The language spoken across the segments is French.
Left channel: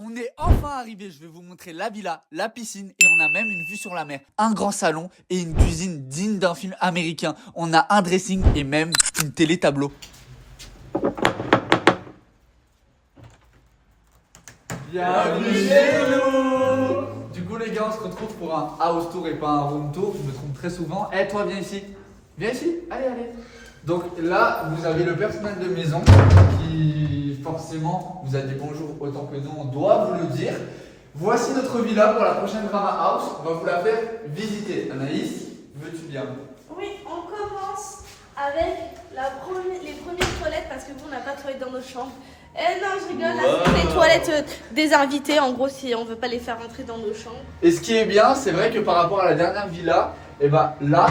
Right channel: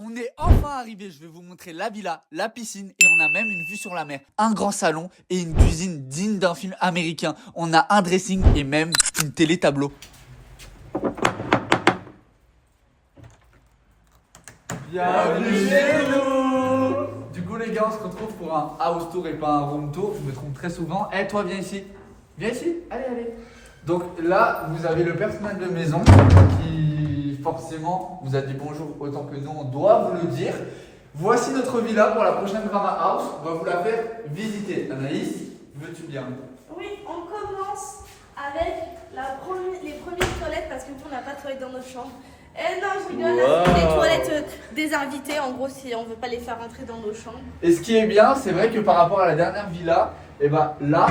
On est enfin arrivé, je vais vous montrer la villa, la piscine et on a même une vue sur la mer. Un grand salon et une cuisine digne d'un film américain. On a un dressing et même une télé tableau. Bienvenue chez nous. Du coup les gars, on se retrouve pour un house tour et pas un room tour. Je me trompe très souvent. Eh toi viens ici. Viens ici. Allez. Donc là, vous avez le personnel de maison qui forcément vous a dit bonjour autant que nous, on doit vous le dire. Voici notre villa pour la prochaine Drama House. On va vous la faire visiter. Anaïs, veux-tu bien? Oui, on commence avec les premières toilettes parce que vous, on n'a pas de toilettes dans nos chambres. Eh non, je rigole, là c'est les toilettes des invités. En gros, si on veut pas les faire rentrer dans nos chambres. Et ce qui est bien, c'est vrai que par rapport à la dernière villa, et ben là,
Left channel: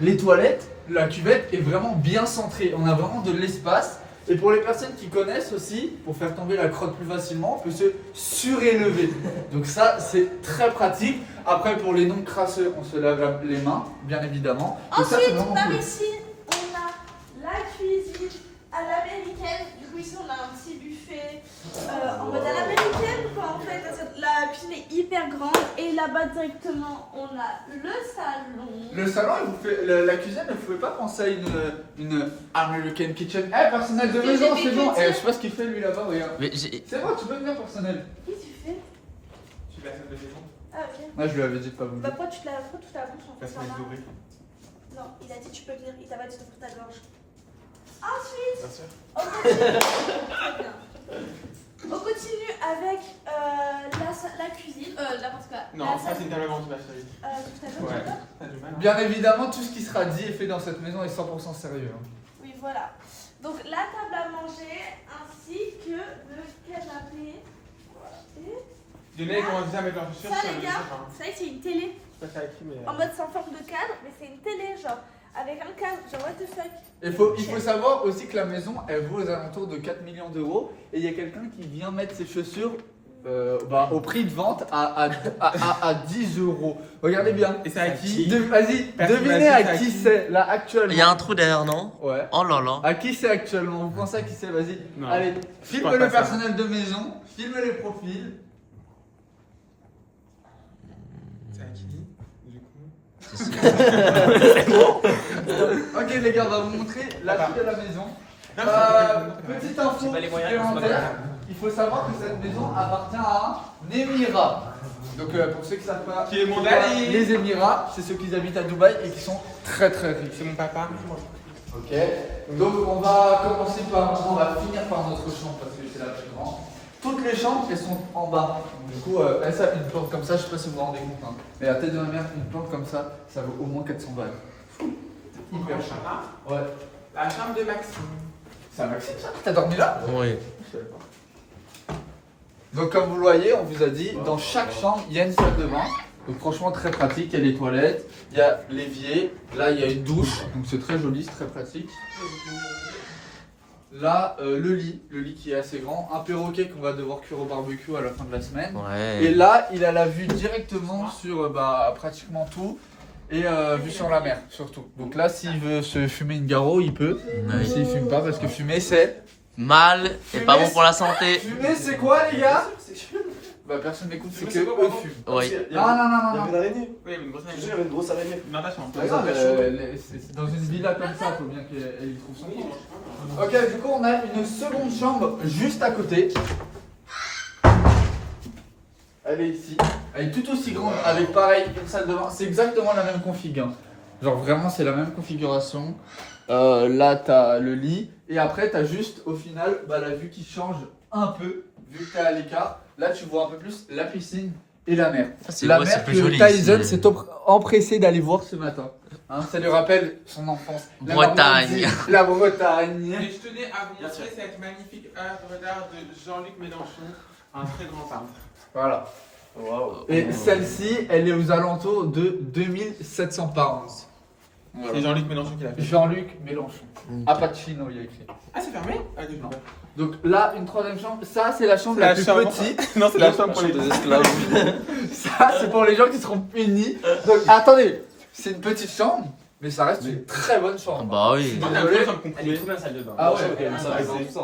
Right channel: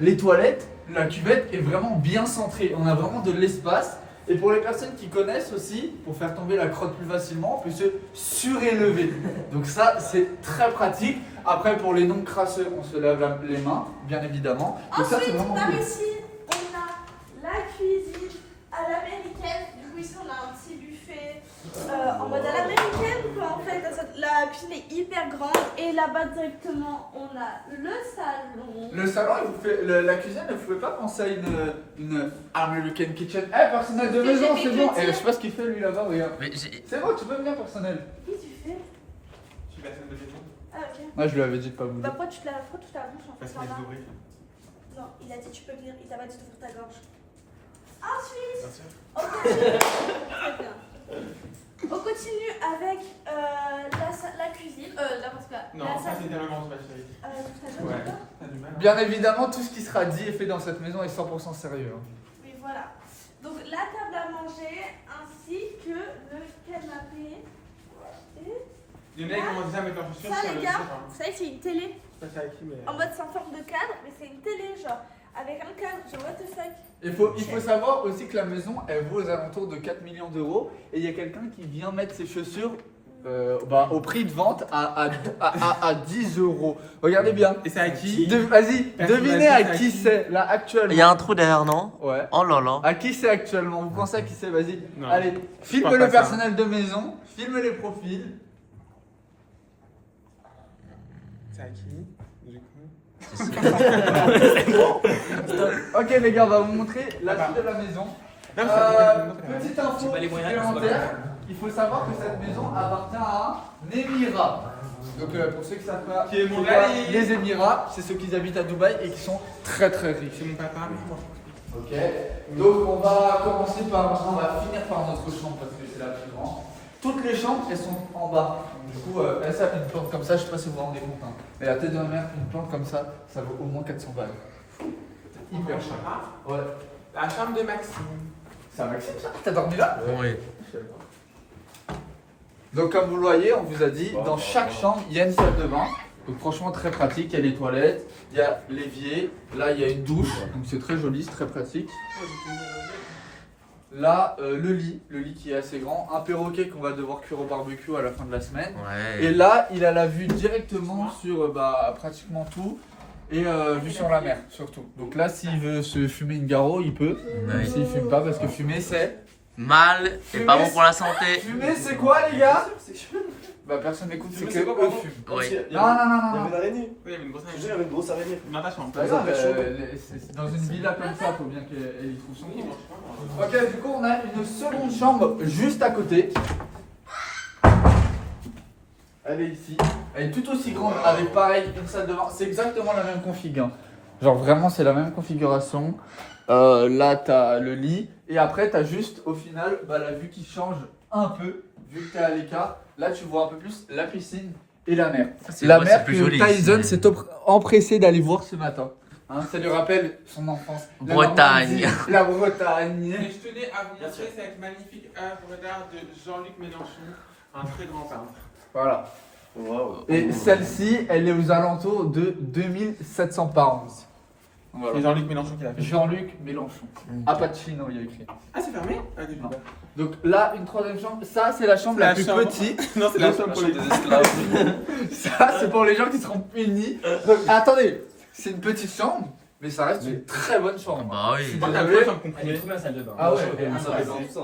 les toilettes, la cuvette est vraiment bien centrée. On a vraiment de l'espace. Et pour les personnes qui connaissent aussi, pour faire tomber la crotte plus facilement, on peut se surélever. Donc ça, c'est très pratique. Après, pour les non crasseux, on se lave les mains, bien évidemment. Donc ça, c'est Ensuite, vraiment par cool. ici, on a la cuisine à l'américaine. Du coup, ici, on a un petit buffet en mode à l'américaine. En fait, la cuisine est hyper grande. Et là-bas, directement, on a le salon. Le salon, la cuisine, vous ne pouvez pas penser à une American kitchen. Eh, personnel de Si, maison, j'ai c'est fait bon. que Eh, dire. je sais pas ce qu'il fait lui là-bas, regarde. Mais C'est bon, tu peux venir, personnel. Qu'est-ce que tu fais? Je suis personne de maison. Ah, ok. Moi, je lui avais dit de pas venir. Bah, pourquoi tu te laves trop toute ta bouche en fait? Passe-moi ça va. les oreilles. Non, il a dit tu peux venir, il t'a pas dit d'ouvrir ta gorge. Ensuite, Bien sûr. on continue. Très bien. On continue avec la cuisine. Parce que Non, la ça salle. c'est une table blanche, ma chérie. Tout à l'heure, Ouais. d'accord. T'as du mal. Bien évidemment, tout ce qui sera dit et fait dans cette maison est 100% sérieux. hein. Oui, voilà. Donc la table à manger ainsi que le canapé. Et Lionel, il commence déjà à mettre leurs chaussures ça, sur les le gars, chef. vous savez, c'est une télé Je sais pas avec qui, mais. en mode sans forme de cadre, mais c'est une télé, genre avec un cadre. Genre, what the fuck. Il faut savoir aussi que la maison, elle vaut aux alentours de 4 millions d'euros. Et il y a quelqu'un qui vient mettre ses chaussures au prix de vente à 10 euros. Regardez bien. Et c'est à qui? Vas-y, Personne devinez m'a dit à c'est à qui qui. c'est, là, actuellement. il y a un trou derrière, non? Ouais. Oh là là. À qui c'est actuellement? Vous pensez à qui c'est? Vas-y. Non. Allez, filme pense le pas ça. personnel de maison, filme les profils. C'est à qui? Ok les gars, on va vous montrer la suite de la maison. Petite info supplémentaire, il faut savoir que cette maison appartient à un émirat. Donc pour ceux qui savent pas, Qui est mon c'est quoi ami. les Émirats, c'est ceux qui habitent à Dubaï et qui sont très très riches. C'est mon papa. Ok. Donc on va commencer par, on va finir par notre chambre parce que c'est la plus grande. Toutes les chambres elles sont en bas. Du coup, ça, une plante comme ça, je sais pas si vous vous rendez compte. Hein. Mais la tête de ma mère, une plante comme ça vaut au moins 400 balles. Hyper cher. Ouais. La chambre de Maxime. C'est un Maxime ça? T'as dormi là? Oui. Donc comme vous le voyez, on vous a dit, dans chaque chambre, il y a une salle de bain. Donc franchement très pratique, il y a les toilettes, il y a l'évier, là il y a une douche, donc c'est très joli, c'est très pratique. Là, le lit qui est assez grand, un perroquet qu'on va devoir cuire au barbecue à la fin de la semaine. Ouais. Et là, il a la vue directement sur pratiquement tout et vue sur la mer surtout. Donc là, s'il veut se fumer une garo, il peut. Ouais. S'il fume pas, parce que fumer c'est... Mal et pas bon pour la santé. Fumer c'est quoi les gars? Bah personne n'écoute, c'est que Fumer, c'est quoi, eux pardon? fument. Oui. Non, non, non, Il y non, avait non. une araignée. Oui, mais une grosse Je te jure, il y année. avait une grosse araignée. Natation. Par exemple, c'est dans une villa comme ça, faut bien qu'elle y trouve son compte. Ok, du coup, on a une seconde chambre juste à côté. Elle est ici. Elle est tout aussi grande, avec pareil, une salle de bain. C'est exactement la même config. Hein. Genre vraiment, c'est la même configuration. Là, t'as le lit. Et après, t'as juste, au final, la vue qui change un peu, vu que t'es à l'écart. Là, tu vois un peu plus la piscine et la mer. C'est La ouais, mer c'est plus que joli. Tyson ici. s'est empressé d'aller voir ce matin. Hein, ça lui rappelle son enfance. La Bretagne. Normandie, la Bretagne. Et je tenais à vous montrer cette magnifique œuvre d'art de Jean-Luc Mélenchon, un très grand peintre. Voilà. Waouh. Et celle-ci, elle est aux alentours de 2700 pounds. Voilà. C'est Jean-Luc Mélenchon qui l'a fait. Jean-Luc Mélenchon. Mm. Apachino, il y a écrit. Ah, c'est fermé? Ah, Non. d'accord. Donc là, une troisième chambre. Ça, c'est la chambre C'est la la plus chambre. petite. Non, c'est la chambre pour les Des esclaves. Ça, c'est pour les gens qui seront punis. Donc, attendez, c'est une petite chambre, mais ça reste une très bonne chambre. Bah oui. Désolé. Ça me comprimé. bien celle de bain. Ah ouais. Elle est ça, tout ça.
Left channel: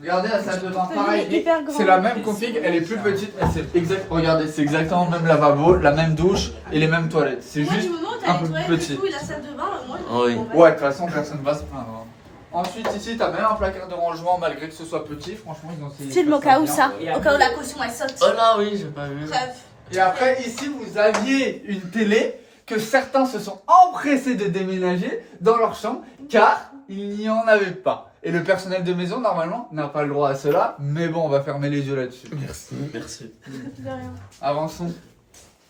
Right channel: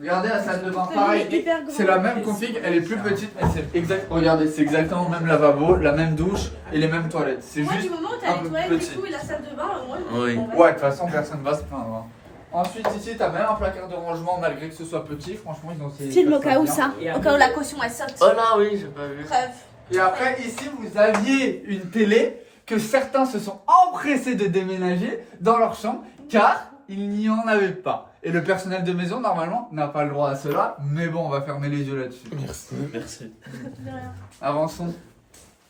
Regardez la salle de bain, Elle est pareil. hyper grande. C'est la même config, elle est plus petite, mais c'est exact. Regardez, c'est exactement le même lavabo, la même douche et les mêmes toilettes. C'est Moi, juste du moment où un t'as peu les toilettes petit. et tout, et la salle de bain, moi, Oui. bon, bah, Ouais, de toute façon, personne va se plaindre. Ensuite, ici, t'as même un placard de rangement malgré que ce soit petit. Franchement, ils ont essayé. Film de au faire cas où bien. ça, au cas où la caution elle saute. Oh là, oui, j'ai pas vu. Bref. Et après, ici, vous aviez une télé que certains se sont empressés de déménager dans leur chambre car il n'y en avait pas. Et le personnel de maison, normalement, n'a pas le droit à cela. Mais bon, on va fermer les yeux là-dessus. Merci. Merci. De rien. Avançons.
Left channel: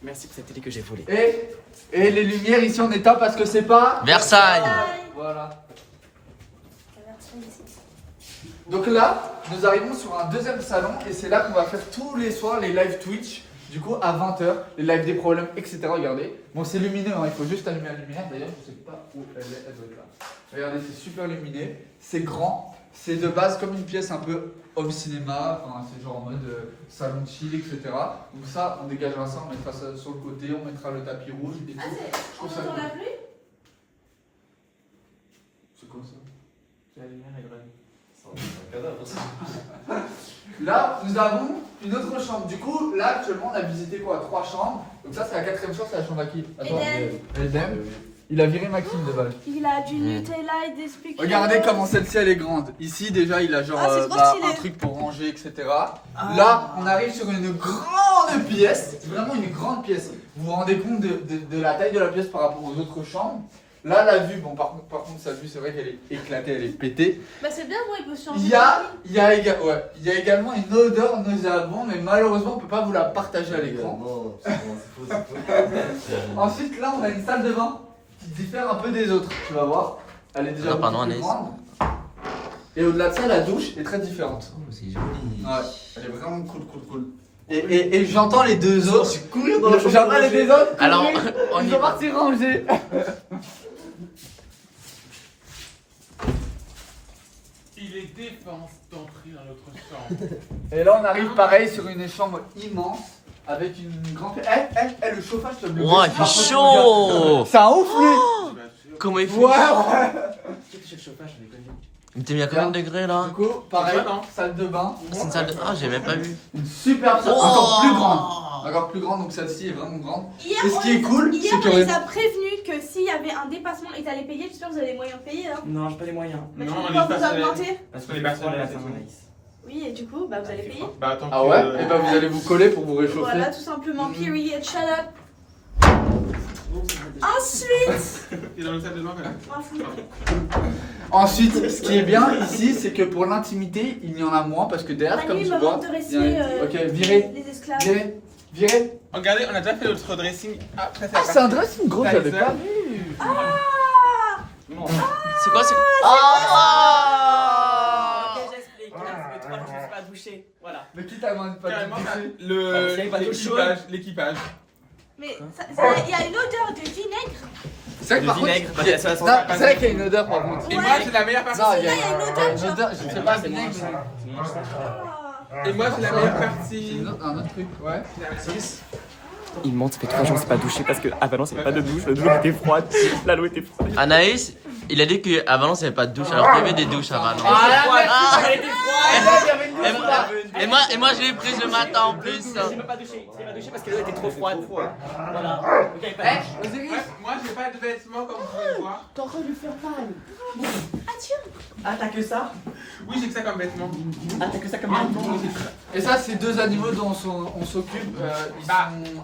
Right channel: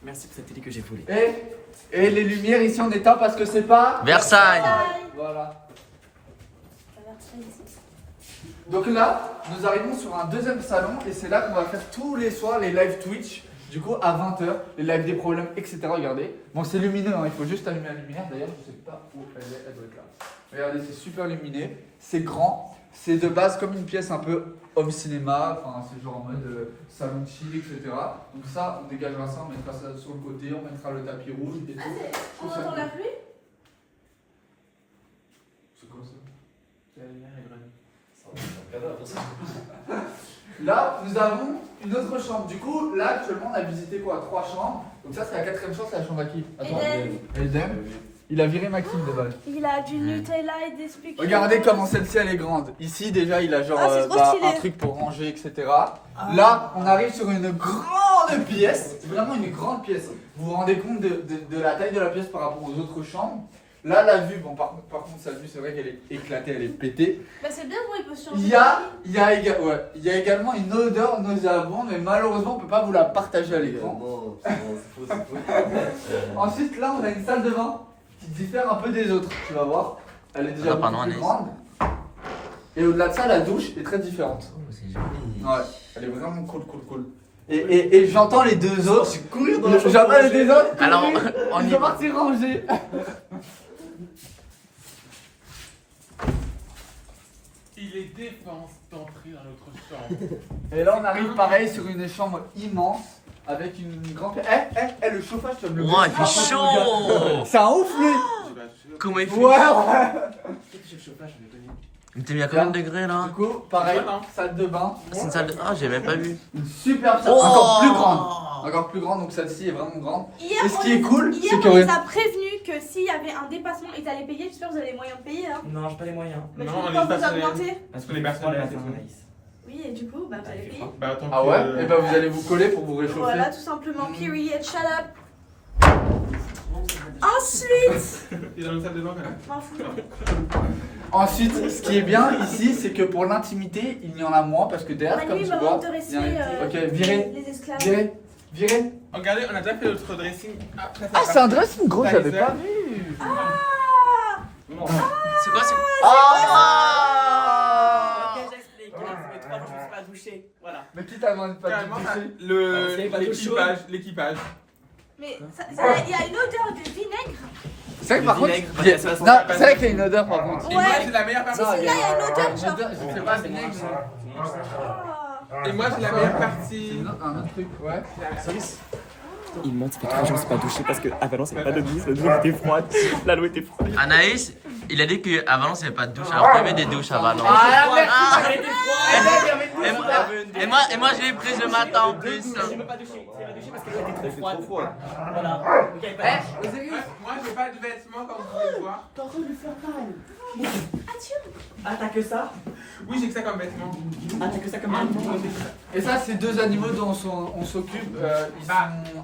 Merci pour cette télé que j'ai volée. Et les lumières ici, on éteint parce que c'est pas. Versailles. Voilà. La version ici. Donc là, nous arrivons sur un deuxième salon et c'est là qu'on va faire tous les soirs les live Twitch. Du coup, à 20h, les lives des problèmes, etc. Regardez. Bon, c'est lumineux, hein, il faut juste allumer la lumière. D'ailleurs, je sais pas où elle est, elle doit être là. Regardez, c'est super lumineux, c'est grand. C'est de base comme une pièce un peu home cinéma, enfin, c'est genre en mode salon de chill, etc. Donc ça, on dégagera ça, on mettra ça sur le côté, on mettra le tapis rouge et tout. On entend la pluie? C'est comme ça. Là, nous avons une autre chambre. Du coup, là, actuellement, on a visité quoi? 3 chambres. Donc ça, c'est la 4ème chambre, c'est la chambre à qui? Attends. Eden. Il a viré Maxime de base. Il a du Nutella et des spéculoos. Regardez comment celle-ci, elle est grande. Ici, déjà, il a genre Ah, c'est trop stylé. un truc pour manger, etc. Là, on arrive sur une grande pièce. C'est vraiment une grande pièce. Vous vous rendez compte de la taille de la pièce par rapport aux autres chambres? Là, la vue, bon, par contre, sa vue, c'est vrai qu'elle est éclatée, elle est pétée. Bah, c'est bien, bon, il peut se changer. Il y a également une odeur nauséabonde, mais malheureusement, on peut pas vous la partager à l'écran. Ensuite, là, on a une salle de bain qui diffère un peu des autres. Tu vas voir, elle est déjà Ah, beaucoup pardon, plus Anaïs. grande. Et au-delà de ça, la douche est très différente. Oh, c'est joli. Ouais, elle est vraiment cool. Et j'entends les deux autres. courir J'entends les deux autres. Alors, courir. on Ils y sont va. partis ranger. Il est défense d'entrer dans notre chambre. Et là, on arrive pareil sur une chambre immense avec une grande. Le chauffage, tu vas me le Ouah, il baisser. fait chaud. C'est un ouf, lui. J'ai pas touché. Comment il fait? Ouais. Il t'es mis à combien de degrés là? Du coup, pareil, C'est quoi, non salle de bain. C'est une salle de. Ah, j'ai même pas vu. Une superbe salle, Oh. encore plus grande. Encore plus grande, donc celle-ci est vraiment grande. Hier, Et ce qui est cool, hier, c'est on qu'on les a prévenus que s'il y avait un dépassement, ils allaient payer. J'espère que vous avez les moyens de payer là. Non, j'ai pas les moyens. Mais Non, du coup, on pourquoi est vous personnel. augmentez? Parce On est que pas froid le seul, matin, c'est tout. Anaïs. Oui, et du coup, bah, vous allez payer. Bah, tant Ah que. ouais. Et ben vous allez vous coller pour vous réchauffer. Voilà, tout simplement. Mhm. Period. Shut up. Ensuite. T'es dans le salle de bain quand même. M'en fous. Ensuite, ce qui est bien ici, c'est que pour l'intimité, il y en a moins parce que derrière, Manu, comme il tu me vois, manque de il y en respect. a. Ok, virez, Les esclaves. virez. Regardez, on a déjà fait notre dressing. Après, Ah, c'est un dressing gros, T'as j'avais les pas ailes. vu. Non. C'est quoi? C'est. Ok, j'explique. Là, ça fait 3 jours que je me suis pas douché. Voilà. Mais qui t'a demandé pas de Carrément, toucher? l'équipage. Mais il y a une odeur de vinaigre. C'est vrai que Le par contre, vinaigre, il y a- ça, ça, non, c'est vrai qu'il y a une odeur par contre. Et moi, j'ai la meilleure Non, partie. il y a Là, il y a une odeur, genre. je sais pas, c'est vinaigre. Ah. Et moi, j'ai la meilleure C'est partie. un autre truc, ouais. Il ment, ça fait 3 jours que je me suis pas douché parce qu'à Valence, il n'y avait pas de douche. L'eau était froide. L'eau était froide. Anaïs, il a dit qu'à Valence, il n'y avait pas de douche, alors qu'il y avait des douches à Valence. Et moi, je l'ai prise le matin en plus. J'ai même pas douché. J'ai pas douché parce que l'eau était trop froide. Voilà. Ok, pas de douche. Osiris, Moi, j'ai pas de vêtements comme vous pouvez le voir. T'es en train de lui faire mal. Ah, t'as que ça? Oui, j'ai que ça comme vêtements. Ah, t'as que ça comme mal. et ça, c'est deux animaux dont on s'occupe. Ils sont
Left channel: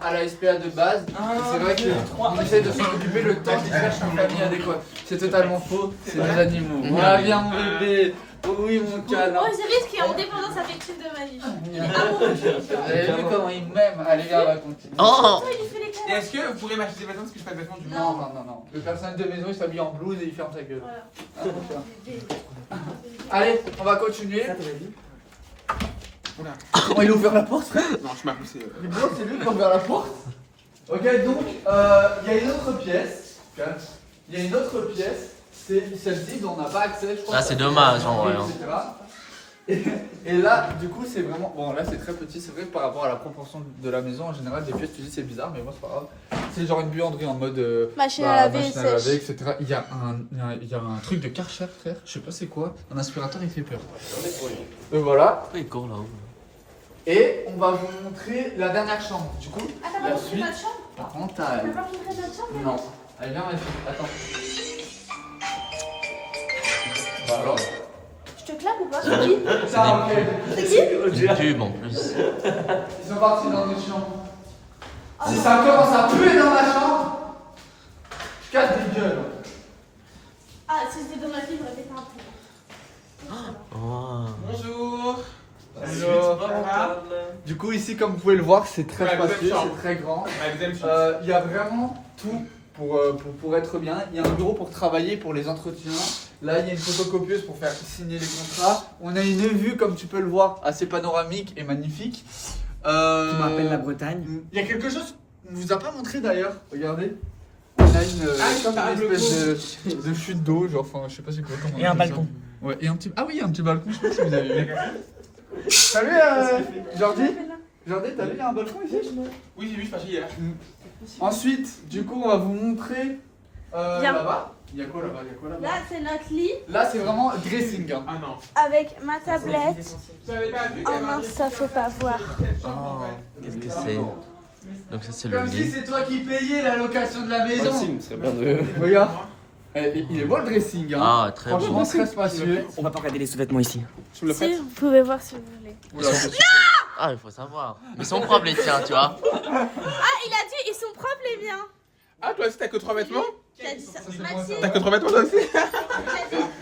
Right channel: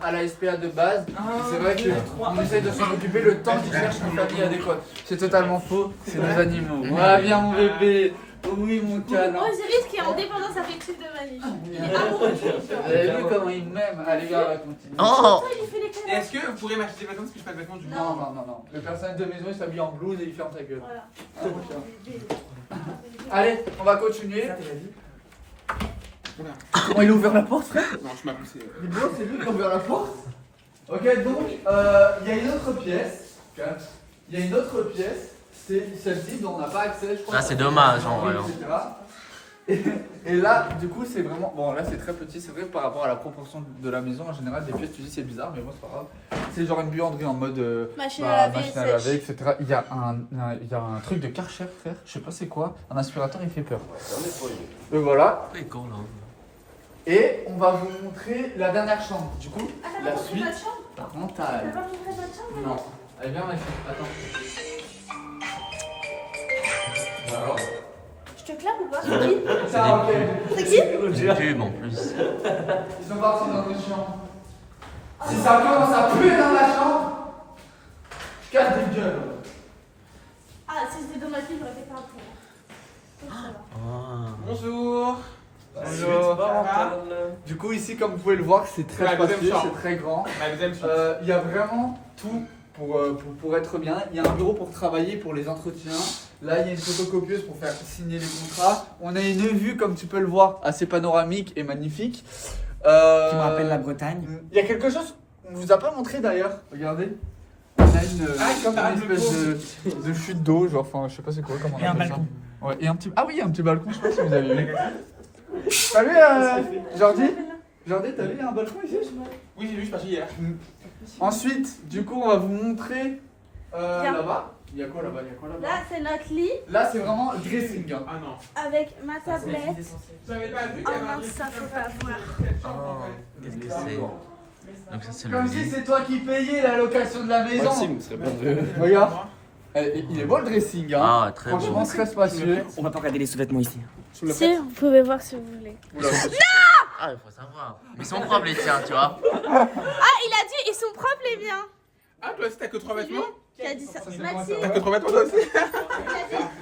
à la SPA de base. Et c'est vrai qu'on essaie de s'en occuper le temps qu'ils cherchent une famille adéquate. C'est totalement faux, c'est des animaux. Voilà, viens mon bébé. Oui, mon câlin. Osiris qui est en dépendance affective de Manu. Il est amoureux. Vous avez vu comment il m'aime? Allez, gars, on va continuer. Oh! Il fait les Et câlins. est-ce que vous pourrez m'acheter des vêtements parce que je n'ai pas de vêtements du coup Non. Le personnel de maison, il s'habille en blouse et il ferme sa gueule. Voilà. Ah, tiens. Allez, on va continuer. Ça, t'es la vie? Comment il a ouvert la porte, frère? Non, je m'as poussé. Mais bon, c'est lui qui a ouvert la porte. Ok, donc, il y a une autre pièce. Il y a une autre pièce. C'est celle-ci dont on n'a pas accès, je crois. Ah, c'est dommage, en vrai, etc. Et là, du coup, c'est vraiment. Bon, là, c'est très petit. C'est vrai que par rapport à la proportion de la maison, en général, des pièces, tu dis c'est bizarre, mais bon, c'est pas grave. C'est genre une buanderie en mode Machine à laver, machine à laver, sèche. etc. Il y a un truc de Karcher, frère. Je sais pas c'est quoi. Un aspirateur, il fait peur. Et voilà. Pourquoi il court là-haut? Et on va vous montrer la dernière chambre. Du coup, Ah, t'as la pas montré suite notre chambre? Tu parentale. peux pas montrer notre chambre? Non. Allez, viens, ici. Attends. Voilà. Je te claque ou pas? C'est qui? Putain, ok. C'est qui? Une pub en plus. Ils sont partis dans notre chambre. Si ça commence à puer dans la chambre, je casse des gueules. Ah, si c'était dans ma fille, j'aurais fait pas un peu. Oh. Bonjour. Bonjour. Ça va? Du coup, ici, comme vous pouvez le voir, c'est très Ouais, spacieux, deuxième chambre. c'est très grand. La deuxième suite. Il y a vraiment tout pour être bien. Il y a un bureau pour travailler, pour les entretiens. Là, il y a une photocopieuse pour faire signer les contrats. On a une vue, comme tu peux le voir, assez panoramique et magnifique. Qui me rappelle la Bretagne. Il y a quelque chose qu'on ne vous a pas montré d'ailleurs. Regardez. On a comme une espèce de chute d'eau, genre, enfin, je sais pas c'est quoi. Comment on Et un appelle balcon. ça. Ouais, et un petit. Ah oui, il y a un petit balcon, je sais pas si vous avez vu. Salut, Jordi. Jordi, t'as vu, il y a un balcon ici? Oui, j'ai vu, je suis hier. Ensuite, du coup, on va vous montrer Viens. là-bas. Il y a quoi là-bas? Là, c'est notre lit Là, c'est vraiment dressing. Hein. Ah non. avec ma tablette. J'avais pas vu Oh mince, ça faut pas voir. Donc ça c'est le Comme si lit. c'est toi qui payais la location de la maison. Maxime, serait bien de. Regarde. Il est beau le dressing. Hein. Ah, très Franchement, beau. très spacieux. On va pas regarder les sous-vêtements ici. Si, vous pouvez voir si vous voulez. Ah, il faut savoir. Mais ils sont propres les tiens, tu vois. Ah, il a dit, ils sont propres les miens. Ah, toi aussi, t'as que 3 vêtements? Qui a dit ça? c'est Maxime. T'as que 3 vêtements toi aussi? Mes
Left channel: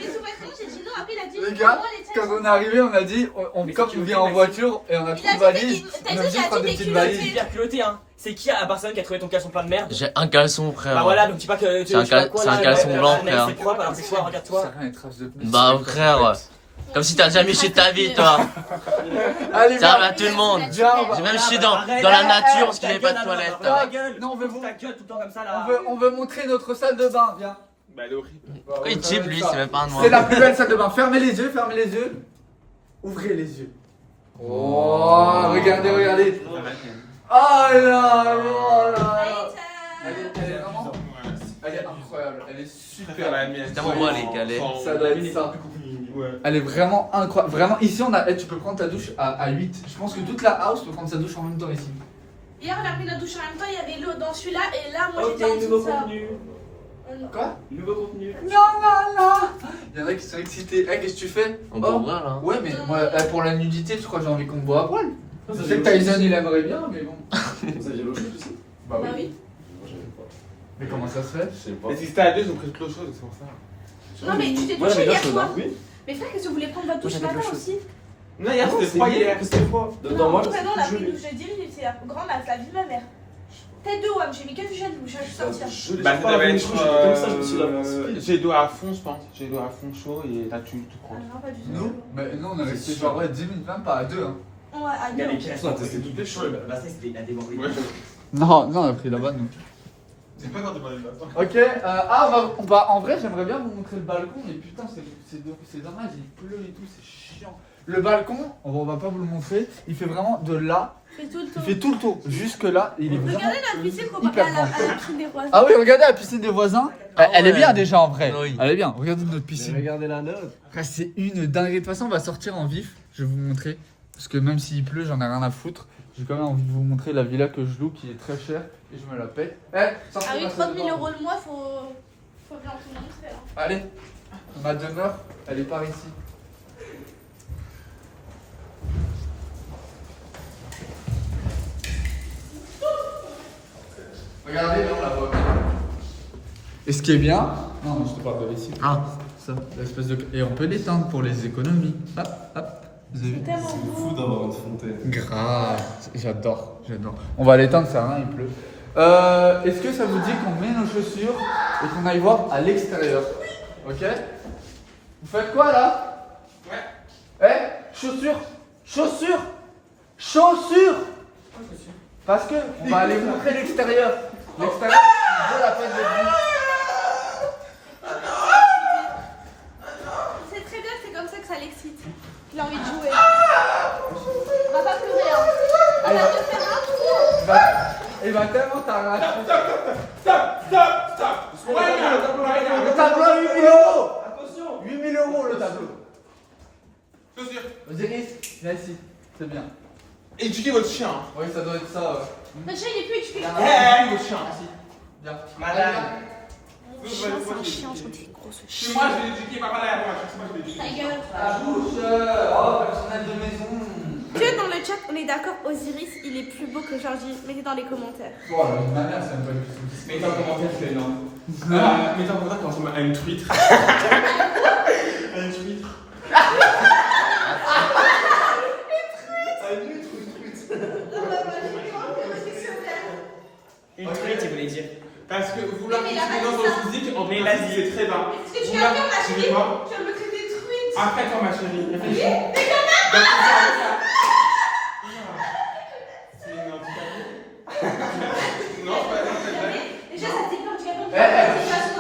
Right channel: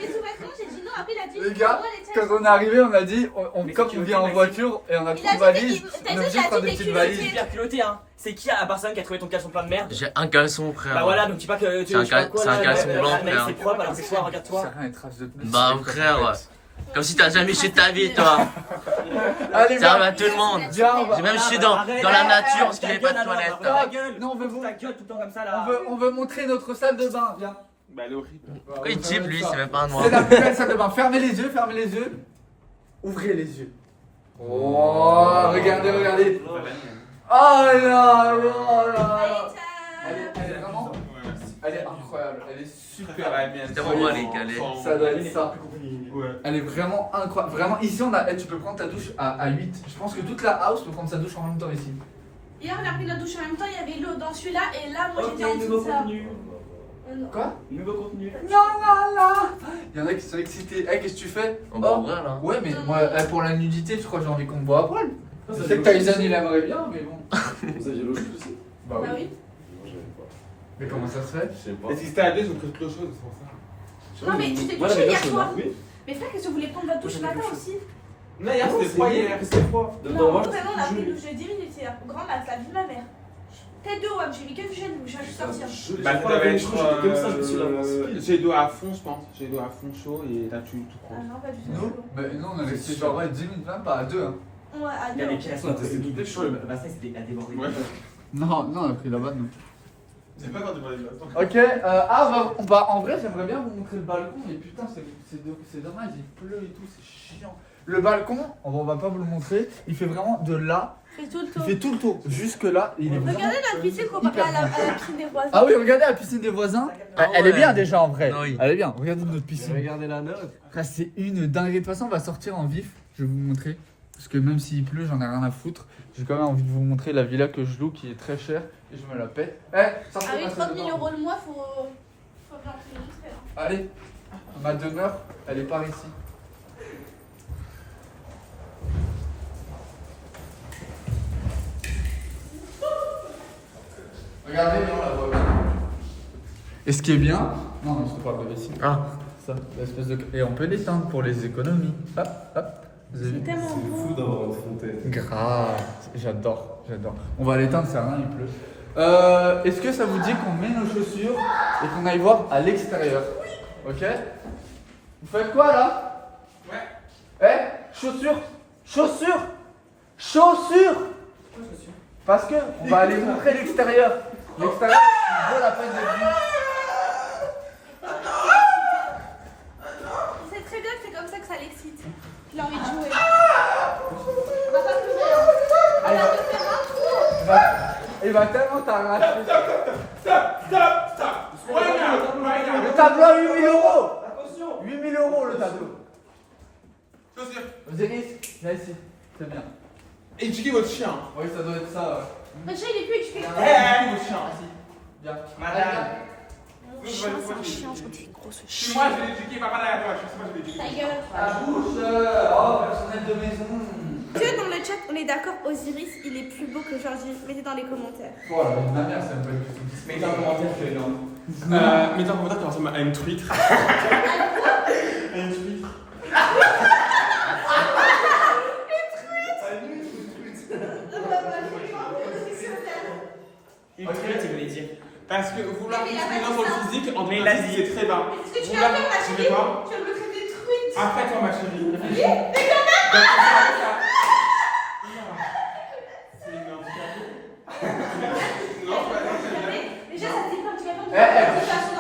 sous-vêtements, j'ai dit non, après il a dit. Les gars, moi, les tiens. quand on est arrivé, on a dit, comme on vient en voiture et on a Il trop a de dit, valises, t'as on dit, a j'ai juste prendre dit des t'es petites culotté. valises. Hyper culotté, hein. C'est qui à Barcelone qui a trouvé ton caleçon plein de merde? J'ai un caleçon, frère. Bah voilà, donc dis pas que tu C'est un je sais pas cal- quoi, c'est un là, caleçon là, blanc, là, frère. C'est propre alors que toi, regarde-toi. Ça rien, les traces de pneus. Bah frère, comme si t'as jamais chié ta vie, toi. Allez, Ça viens. arrive à tout le monde. Viens, on va- J'ai même chié dans la nature parce qu'il n'y avait pas de toilette. Ta gueule. Non, on veut vous- Ta gueule tout le temps comme ça là. on veut montrer notre salle de bain, viens. Bah, elle est horrible. Pourquoi il chip lui, c'est même pas un noir. C'est la plus belle salle de bain. Fermez les yeux, fermez les yeux. Ouvrez les yeux. Oh, regardez, regardez. Ça va bien. Oh là, oh là. Allez, Elle est vraiment, elle est incroyable, elle est super. Ça va bien. C'est moi les galets. Ça doit être ça. Ouais. Elle est vraiment incroyable. Vraiment, ici, tu peux prendre ta douche à 8. Je pense que toute la house peut prendre sa douche en même temps ici. Hier, on a pris notre douche en même temps, il y avait l'eau dans celui-là, et là, moi, Ok, j'ai sorti nouveau ça. contenu. Non. Quoi? Nouveau contenu. Non, non, non. Il y en a qui sont excités. Eh, qu'est-ce que tu fais? On boit là. Ouais, mais moi, pour la nudité, tu crois que j'ai envie qu'on me boit à poil? Je sais que Tyson, il aimerait bien, mais bon. Ça, il y a l'eau chaude aussi. Bah Bah oui. oui. Moi, j'avais pas. Mais comment ça se fait? Je sais pas. Et si c'était à deux, ils ont pris de l'eau chaude, c'est pour ça. Non, mais tu t'es Moi, touché j'avais hier l'eau chaude, soir. hein. Oui. Mais frère, qu'est-ce que vous voulez prendre votre douche ce J'avais matin l'eau chaude. aussi? Non, hier, c'était froid hier. C'était froid. Non, Dans moi, vraiment, on a pris une gelé. douche de 10 minutes hier. Grand max, la vie de ma mère. Tête de WAM, j'ai mis que du gel, je vais juste sortir. Gelé. Bah, J'ai ça pas devait lavé, être. je crois que j'étais comme ça, je me suis lavé en speed. J'ai d'eau à fond, je pense. J'ai d'eau à fond chaud et là, tu tout Ah prends. non, pas du tout. Nous? Bah non, on a resté genre ouais, 10 minutes, même pas à 2. Hein. Ouais, ah Il y a non. les caissons, c'était tout chaud. Bassin c'était à déborder. Ouais. Non, non, on a pris le bas nous. C'est pas dans des bonnes notes. Ok, en vrai, j'aimerais bien vous montrer le balcon, mais putain, c'est dommage, il pleut et tout, c'est chiant. Le balcon, on va pas vous le montrer, il fait vraiment de là, Fais tout le il tour. fait tout le tour, jusque là, et il est vraiment. Regardez la piscine comparée à la piscine des voisins. Ah oui, regardez la piscine des voisins. Elle est ouais. bien déjà en vrai. Oui. Elle est bien, regardez notre piscine. Regardez la note. Frère, c'est une dinguerie. De toute façon, on va sortir en vif, je vais vous montrer. Parce que même s'il pleut, j'en ai rien à foutre. J'ai quand même envie de vous montrer la villa que je loue qui est très chère et je me la paie. Sortez ma Avec salle 30 de 000 bain. euros de mois, faut bien te montrer. Hein. Allez, ma demeure, elle est par ici. Regardez, là on la voit bien. Et ce qui est bien, non, je te parle de ici. Ah. Ça, l'espèce de. Et on peut l'éteindre pour les économies. Hop, hop. Vous avez vu? C'est fou d'avoir une fontaine. Grave, j'adore, j'adore. On va l'éteindre, ça sert à rien, il pleut. Est-ce que ça vous dit qu'on met nos chaussures et qu'on aille voir à l'extérieur? Ok? Vous faites quoi là? Ouais. Chaussures? Chaussures? Chaussures? Parce que on va aller vous montrer l'extérieur. L'extérieur, il vaut la peine d'être vu. C'est très bien que c'est comme ça que ça l'excite. Il a envie de jouer. On va pas pleurer. Hein. Allez, On va te faire un. va. Et bah tellement t'as la Stop! Why not? Le tableau à 8 000 euros. 8 000 euros le tableau. Chaussures. Osiris, viens ici, c'est bien. Éduquez votre chien. Oui, ça doit être ça. Le chien il est plus éduqué. Éduquez votre chien. Viens. Madame. Mon chien, c'est un chien, gentil, gros ce Si chien. moi je vais l'éduquer, papa là, moi je vais l'éduquer. Ta gueule. La bouche, oh, personnel de maison. Tu sais, dans le chat, on est d'accord, Osiris, il est plus beau que Georgie. Mettez dans les commentaires. Oh, la vie de ma mère, c'est un peu une Mettez en commentaire, c'est énorme. Mettez en commentaire, comment ça à une truite. Une truite. Une truite, il voulait dire. Parce que vouloir Mais il a plus pas dans dit le ça. physique, en Mais il principe, a dit. c'est très bas. Mais qu'est-ce que tu viens de faire, ma Tu chérie? veux quoi? Tu veux me traiter de truite? Arrête-toi, ma chérie. Réfléchis. Non, pas Déjà, ça te dit pas, tu vas pas me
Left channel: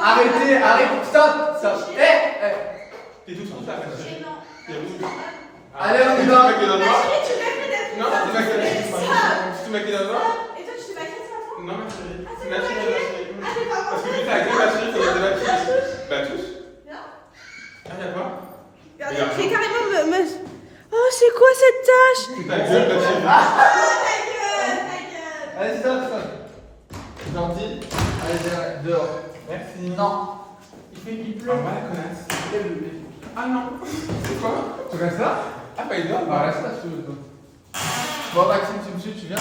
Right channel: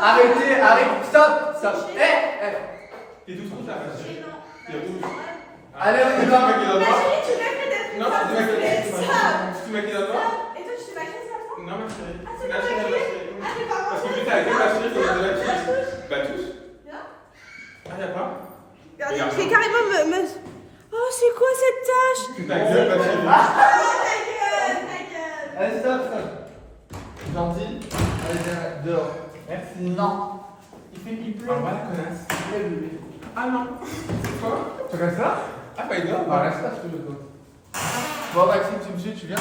Arrêtez, arrêtez, stop, stop. T'es tout seul, là, ma chérie. T'es rouge. Allez, on y va. Tu mets les Ma doigts. chérie, tu m'as fait d'être Non, tu m'as fait ça. Tu mets les doigts. Et toi, tu t'es maquillée ce matin? Non, ma chérie. Ah, c'est Ma pas chérie, ma maquillée? chérie. Ah, t'es pas Parce que vu que t'as avec ma chérie, faut que la touche. La touche. Viens. Ah, y'a quoi? Regarde, il fait carrément me. Oh, c'est quoi cette tache? Ta gueule, ma chérie. Ta gueule, ta gueule. Allez, stop, stop. Gentil. Allez, viens, dehors. Merci. Non. Il pleut. Au revoir, la connasse. Ah non. C'est quoi? Tu restes là? Ah, pas énorme. Bah, reste là, si tu veux, toi. Bon, Maxime, tu me suis, tu viens?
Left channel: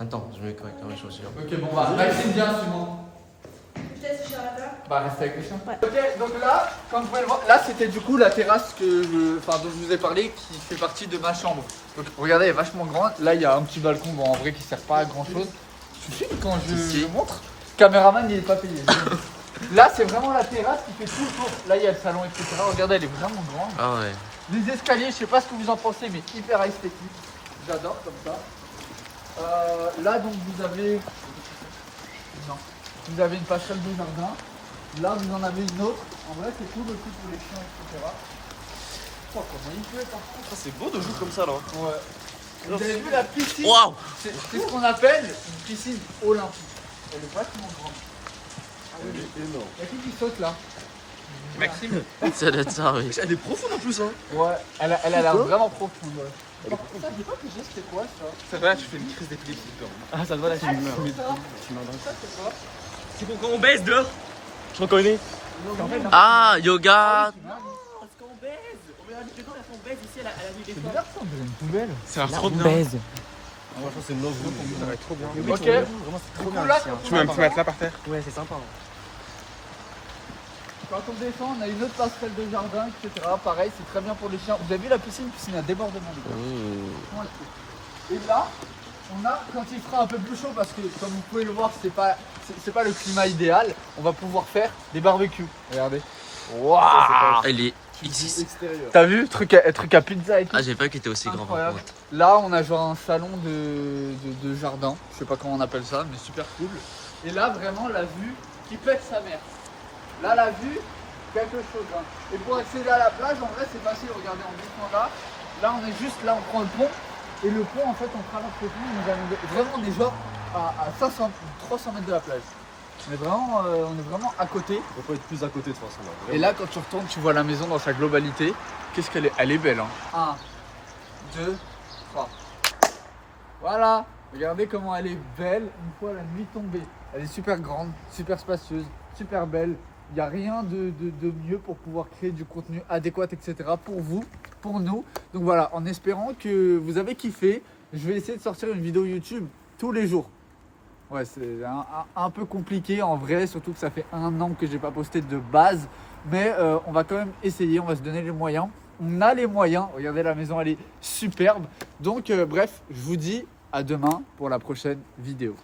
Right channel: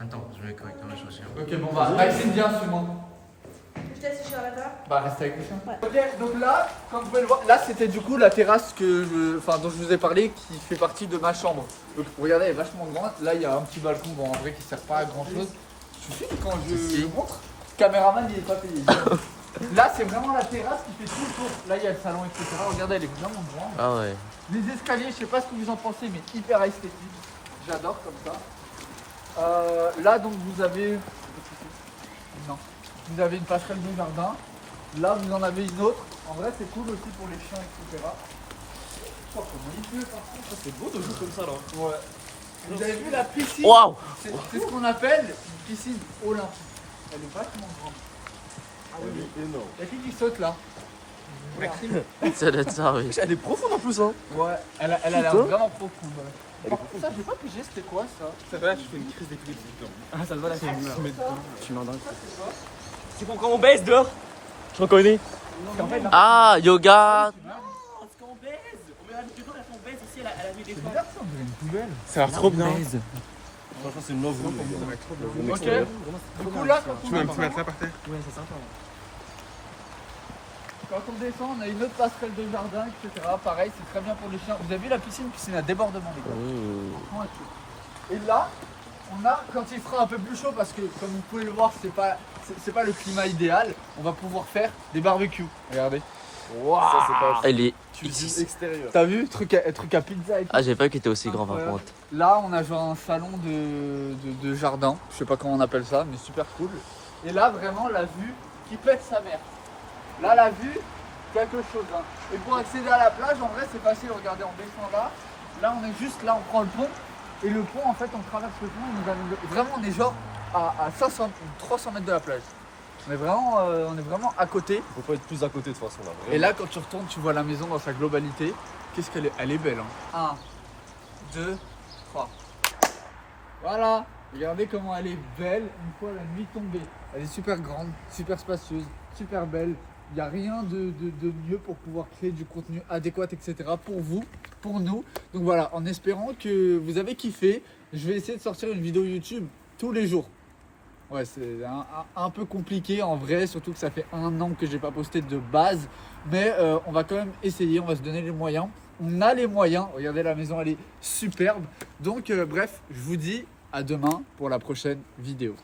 Attends, je vais quand même choisir. Ok, bon, bah, Maxime, viens, suis-moi. Je te laisse sur la table. Bah, reste avec le chien. Ouais. Ok, donc là, comme vous pouvez le voir, là c'était du coup la terrasse dont je vous ai parlé qui fait partie de ma chambre. Donc regardez, elle est vachement grande. Là, il y a un petit balcon, bon, en vrai, qui sert pas à grand chose. Tu sais, quand je Si. vous montre, le caméraman il est pas payé. Là, c'est vraiment la terrasse qui fait tout le tour. Là, il y a le salon, etc. Regardez, elle est vraiment grande. Ah ouais. Les escaliers, je sais pas ce que vous en pensez, mais hyper esthétique. J'adore comme ça. Là, donc, vous avez. Non. Vous avez une passerelle de jardin. Là, vous en avez une autre. En vrai, c'est cool aussi pour les chiens, etc. Oh, comment il pleut, par contre. C'est beau de jouer comme ça là. Ouais. Vous avez vu la piscine? Waouh! C'est ce qu'on appelle une piscine olympique. Elle est vachement grande. Elle est énorme. Il y a qui saute là? Maxime. Ça doit être ça, oui. Elle est profonde en plus hein. Ouais, elle a l'air vraiment profonde. Ouais. Ça, j'ai pas pigé, c'était quoi ça? C'est vrai, je fais une crise d'épilepsie. Ah, ça me va la Ça, tu m'en donnes. c'est quoi? C'est pour quand on baisse dehors. Je reconnais. En fait, Ah, yoga! Parce qu'on baise. On met la vidéo, on baise ici à la nuit des c'est bizarre ça, on dirait une poubelle. Ça a l'air trop bien. Franchement c'est une love room. Ça va être trop bien. Ok. Du coup, là, Tu mets un petit matelas par terre. Ouais, c'est sympa. quand on descend, on a une autre passerelle de jardin, etc. Pareil, c'est très bien pour les chiens. Vous avez vu la piscine à débordement, les gars. Et là, on a, quand il fera un peu plus chaud, parce que comme vous pouvez le voir, c'est pas le climat idéal, on va pouvoir faire des barbecues. Regardez. Waouh! Elle est. Extérieur. T'as vu? Truc à pizza et tout. Ah, j'ai pas vu qu'il était aussi grand par Incroyable. contre. Là, on a genre un salon de jardin. Je sais pas comment on appelle ça, mais super cool. Et là, vraiment, la vue qui pète sa mère. Là, la vue, quelque chose. Hein. Et pour accéder à la plage, en vrai, c'est facile. Regardez, on descend là. Là, on est juste là, on prend le pont. Et le pont, en fait, on traverse le pont. Il nous amène vraiment, on est genre à 500 ou 300 mètres de la plage. On est vraiment à côté. On peut pas être plus à côté de toute façon là. Et là, quand tu retournes, tu vois la maison dans sa globalité. Qu'est-ce qu'elle est? Elle est belle. Hein. 1, 2, 3. Voilà. Regardez comment elle est belle une fois la nuit tombée. Elle est super grande, super spacieuse, super belle. Il n'y a rien de mieux pour pouvoir créer du contenu adéquat, etc. pour vous, pour nous. Donc voilà, en espérant que vous avez kiffé, je vais essayer de sortir une vidéo YouTube tous les jours. Ouais, c'est un peu compliqué en vrai, surtout que ça fait 1 an que j'ai pas posté de base. Mais on va quand même essayer, on va se donner les moyens. On a les moyens, regardez la maison, elle est superbe. Donc bref, je vous dis à demain pour la prochaine vidéo.